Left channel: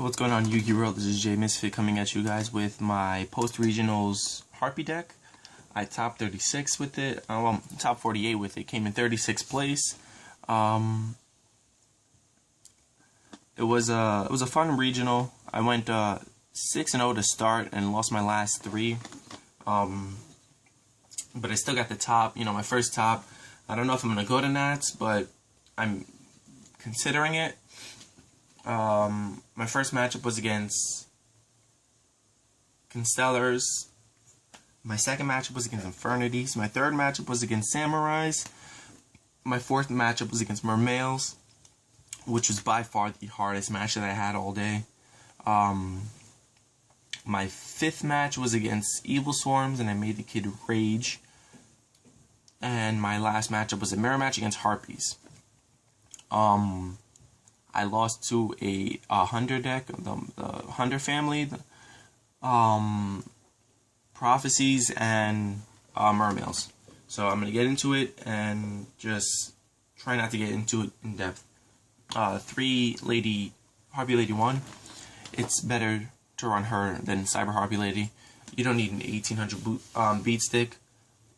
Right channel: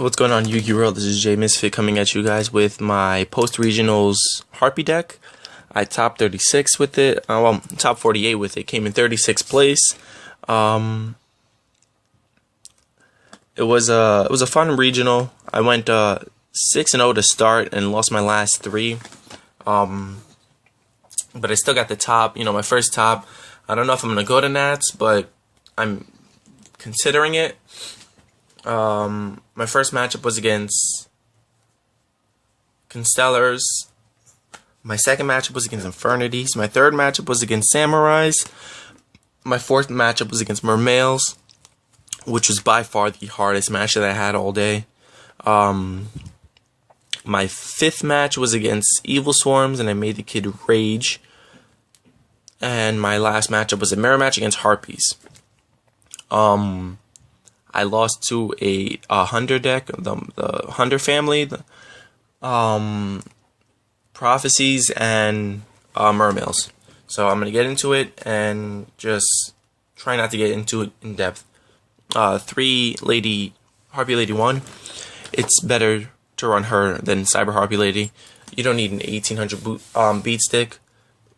What's going on, Yu-Gi World? This is Jay Misfit coming at you guys with my post-regionals Harpie deck. I top 36 with it. Top 48 with it. Came in 36th place. It was a fun regional. I went 6-0 to start and lost my last 3. But I still got the top. You know, my first top. I don't know if I'm gonna go to Nats, but I'm considering it. My first matchup was against Constellars. My second matchup was against Infernities. My third matchup was against Samurais. My fourth matchup was against Mermails, which was by far the hardest match that I had all day. My fifth match was against Evil Swarms, and I made the kid rage. And my last matchup was a mirror match against Harpies. I lost to a Hunter deck, the Hunter family, Prophecies, and Mermails. So I'm going to get into it and just try not to get into it in depth. Harpie Lady 1. It's better to run her than Cyber Harpie Lady. You don't need an 1800 beat stick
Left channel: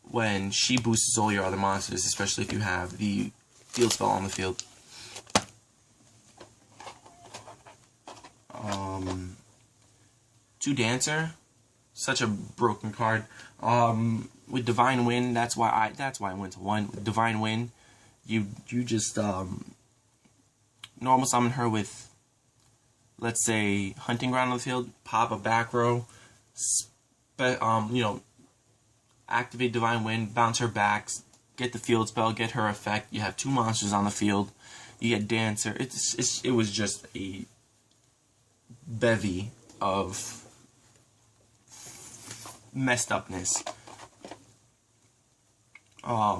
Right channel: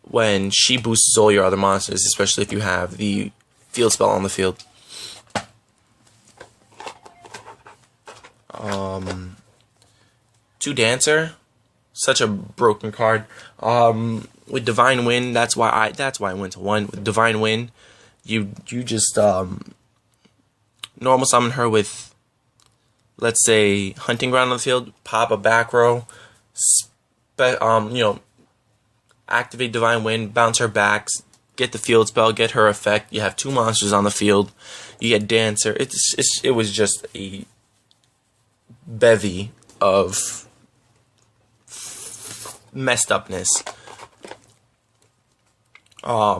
when she boosts all your other monsters, especially if you have the field spell on the field. Two Dancer, such a broken card. With Divine Wind, that's why I went to 1. With Divine Wind, you just normal summon her with, let's say, Hunting Ground on the field, pop a back row, activate Divine Wind, bounce her back, get the field spell, get her effect. You have 2 monsters on the field. You get Dancer. It was just a bevy of messed upness. By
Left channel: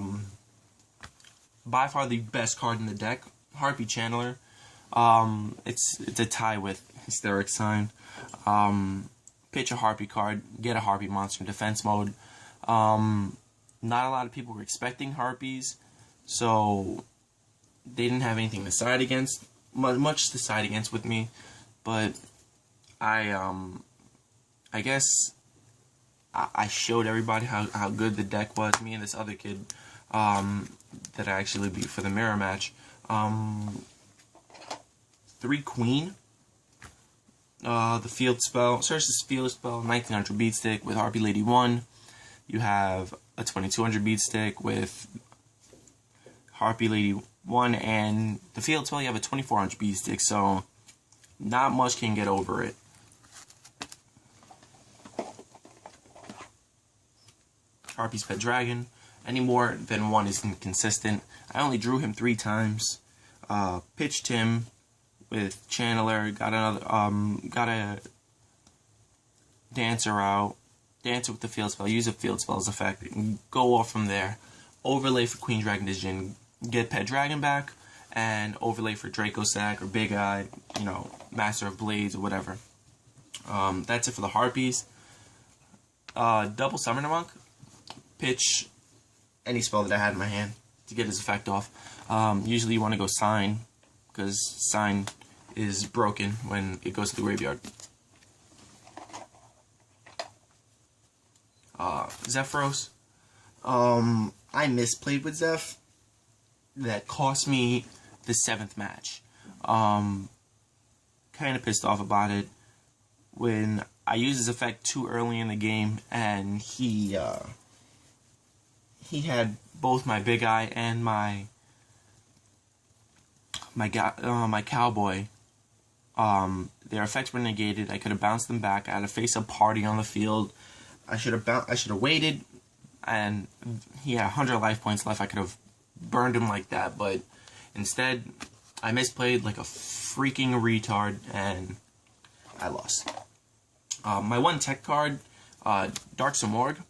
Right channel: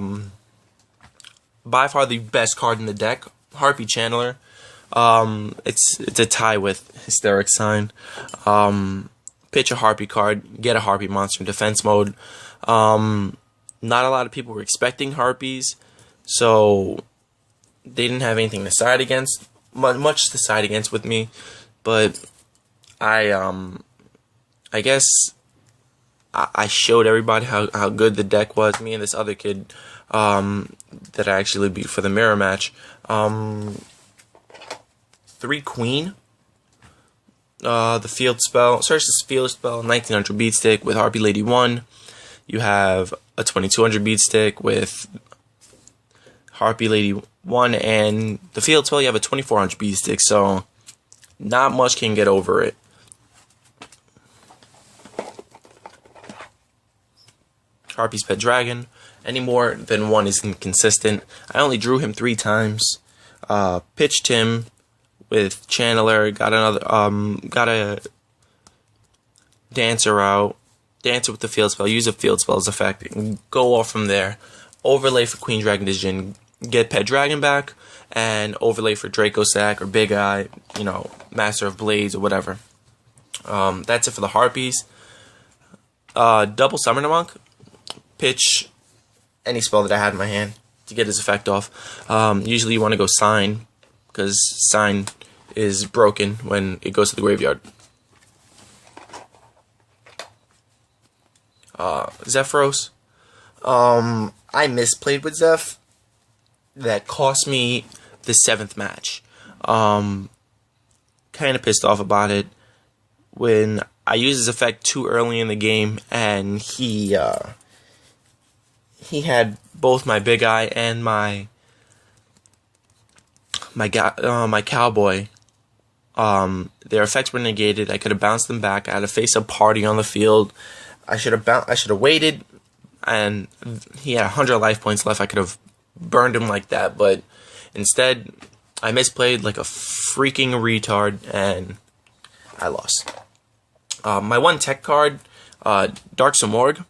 far the best card in the deck, Harpie Channeler. It's a tie with Hysteric Sign. Pitch a Harpie card, get a Harpie monster in defense mode. Not a lot of people were expecting Harpies, so they didn't have anything to side against, much to side against with me. But I guess I showed everybody how good the deck was. Me and this other kid that I actually beat for the mirror match. 3 Queen. The field spell. Search this field spell. 1900 beat stick with Harpie Lady 1. You have a 2200 beat stick with Harpie Lady 1, and the field spell you have a 2400 beat stick. So not much can get over it. Harpie's Pet Dragon. Any more than 1 is inconsistent. I only drew him 3 times. Pitched him with Channeler. Got a Dancer out. Dancer with the field spell. Use a field spell's effect. And go off from there. Overlay for Queen Dragon Vision. Get Pet Dragon back. And overlay for Draco Sack or Big Eye. You know, Master of Blades or whatever. That's it for the Harpies. Double Summoner Monk. Pitch any spell that I had in my hand to get his effect off. Usually you want to go Sign, because Sign is broken when it goes to the graveyard. Zephyros. I misplayed with Zeph. That cost me the 7th match. Kind of pissed off about it when I used his effect too early in the game, and he had both my Big Eye and my Cowboy. Their effects were negated. I could have bounced them back. I had to face a party on the field. I should have waited, and he had 100 life points left. I could have burned him like that, but instead I misplayed like a freaking retard, and I lost. My 1 tech card, Dark Samorg.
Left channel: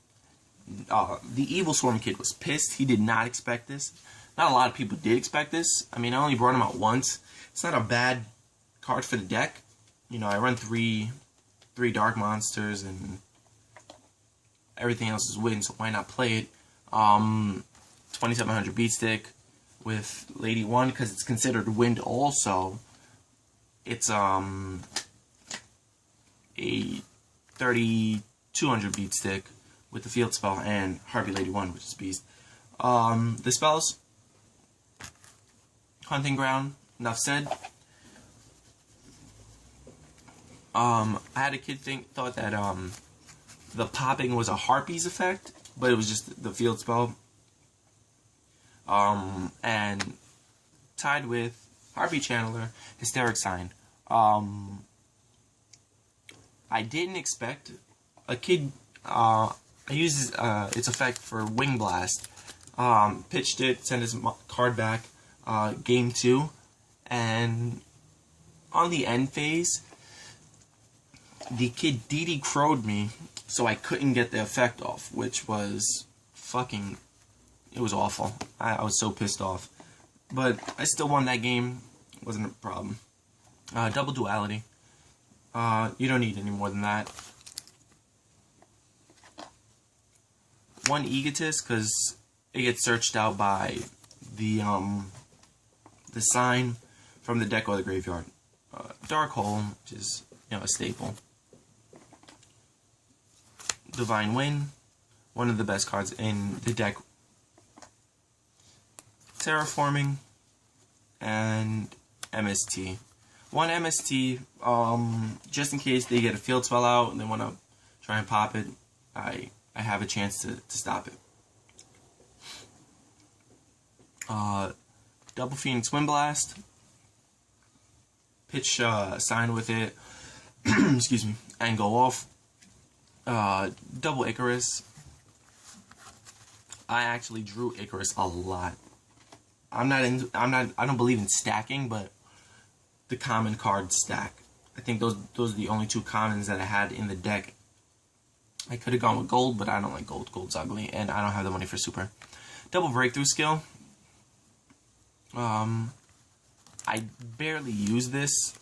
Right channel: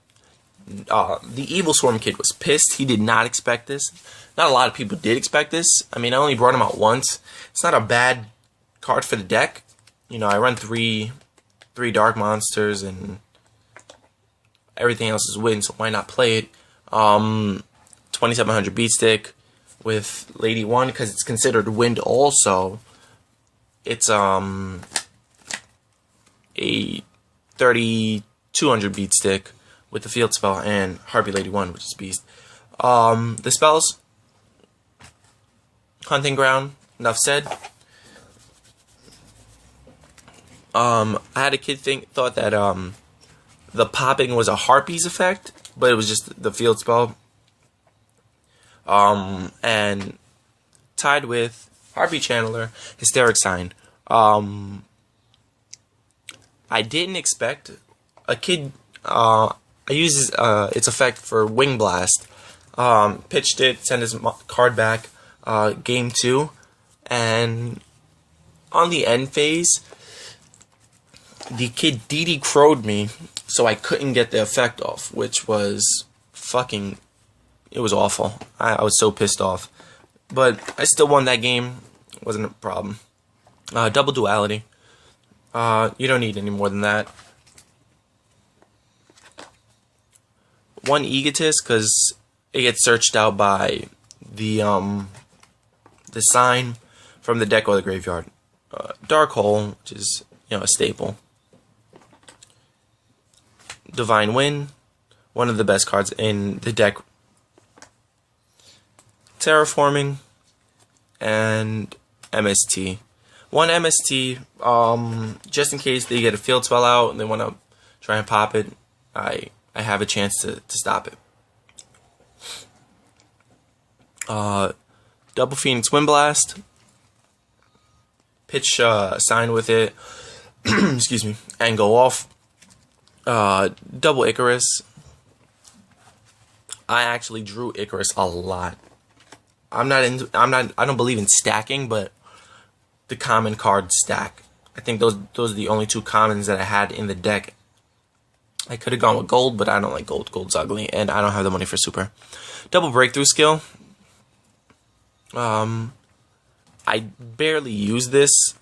The Evil Swarm kid was pissed. He did not expect this. Not a lot of people did expect this. I mean, I only brought him out once. It's not a bad card for the deck. You know, I run three dark monsters and everything else is win, so why not play it? 2700 beat stick with Lady 1 because it's considered wind also. It's a 3200 beat stick with the field spell and Harpie Lady 1, which is beast. The spells, Hunting Ground, enough said. I had a kid thought that the popping was a Harpie's effect, but it was just the field spell. And tied with Harpie Channeler, Hysteric Sign. I didn't expect a kid. I used its effect for Wing Blast. Pitched it, sent his card back. Game 2, and on the end phase, the kid DD crowed me, so I couldn't get the effect off, which was fucking. It was awful. I was so pissed off, but I still won that game. Wasn't a problem. Double duality. You don't need any more than that. One egotist, because it gets searched out by the sign from the deck or the graveyard. Dark Hole, which is, a staple. Divine Wind, one of the best cards in the deck. Terraforming, and MST. One MST, just in case they get a field spell out and they want to try and pop it, I have a chance to stop it. Double Phoenix Wind Blast. Pitch sign with it. Excuse me. And go off. Double Icarus. I actually drew Icarus a lot. I don't believe in stacking, but the common cards stack. I think those are the only two commons that I had in the deck. I could have gone with gold, but I don't like gold. Gold's ugly, and I don't have the money for super. Double Breakthrough Skill. I barely use this.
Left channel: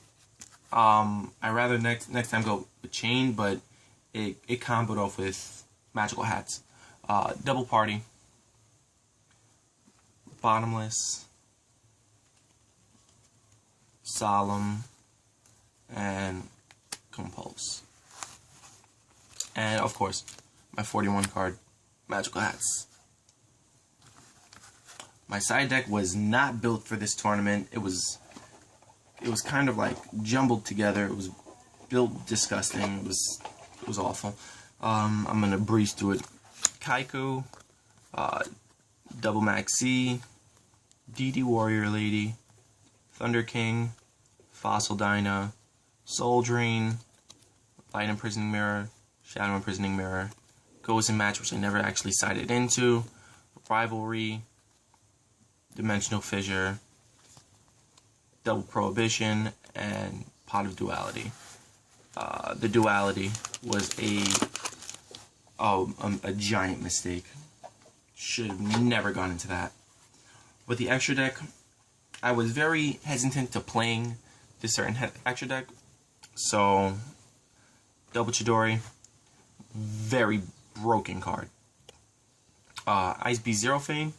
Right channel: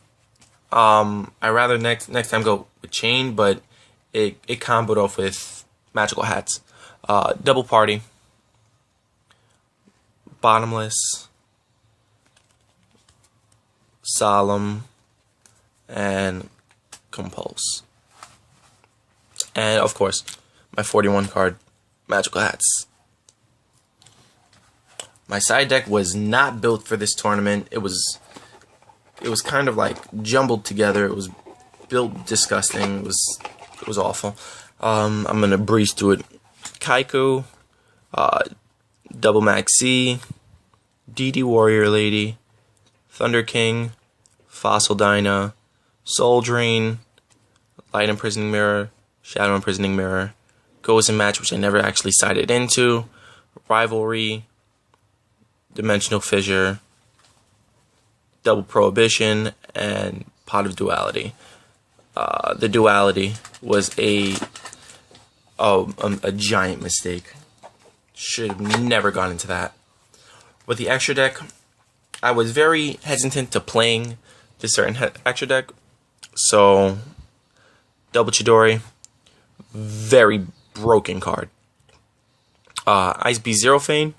I rather next time go with Chain, but it comboed off with Magical Hats. Double Party. Bottomless. Solemn. And Compulse. And of course, my 41 card Magical Hats. My side deck was not built for this tournament. It was kind of like jumbled together. It was built disgusting. It was awful. I'm gonna breeze through it. Kaiku, Double Maxi, DD Warrior Lady, Thunder King, Fossil Dyna, Soul Drain, Light Imprisoning Mirror, Shadow Imprisoning Mirror, Ghost and Match, which I never actually sided into, Rivalry, Dimensional Fissure, Double Prohibition, and Pot of Duality. The Duality was a giant mistake. Should have never gone into that. With the extra deck, I was very hesitant to playing this certain extra deck. So, Double Chidori, very broken card. Ice Beast Zero Fane,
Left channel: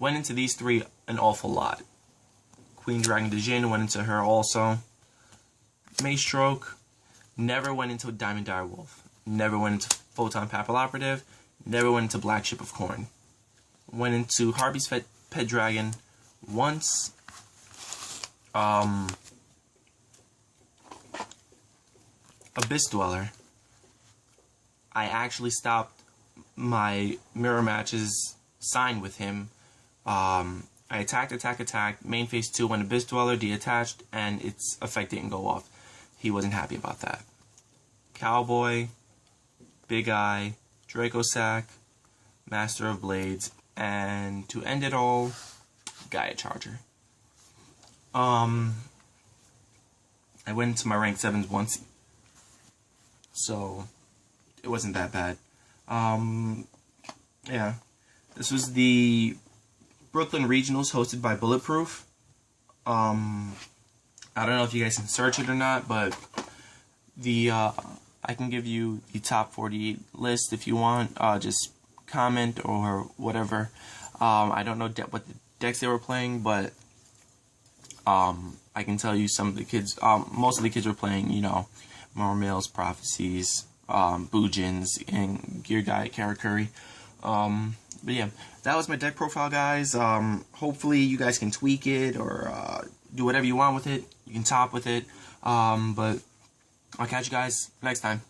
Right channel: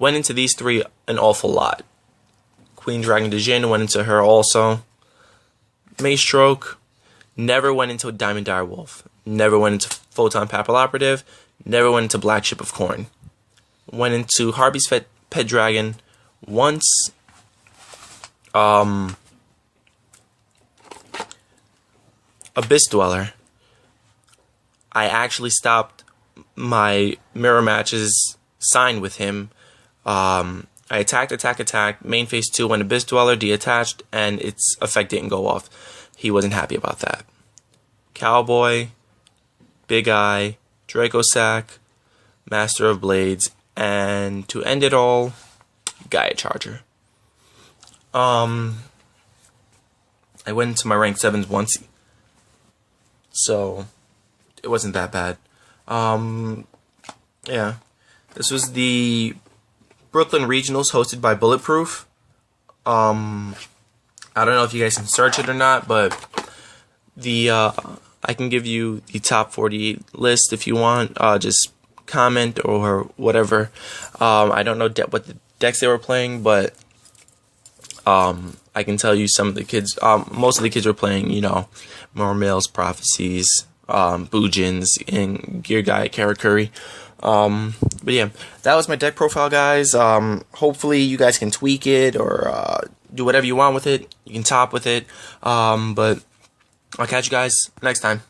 went into these three an awful lot. Queen Dragon de Jin went into her also. Maestroke, never went into Diamond Direwolf. Never went into Photon Papal Operative. Never went into Black Ship of Corn. Went into Harpie's Pet Dragon once. Abyss Dweller. I actually stopped my mirror matches signed with him. I attacked, main phase 2 when Abyss Dweller detached, and its effect didn't go off. He wasn't happy about that. Cowboy, Big Eye, Draco Sack, Master of Blades, and to end it all, Gaia Charger. I went into my rank 7s once, so it wasn't that bad. Yeah, this was the Brooklyn Regionals hosted by Bulletproof. I don't know if you guys can search it or not, but I can give you the top 48 list if you want. Just comment or whatever. I don't know what the decks they were playing, but I I can tell you some of the kids, most of the kids were playing, you know, Marmale's Prophecies, Boojins, and Gear Guy Karakuri. But yeah, that was my deck profile, guys. Hopefully you guys can tweak it or do whatever you want with it. You can top with it. But I'll catch you guys next time.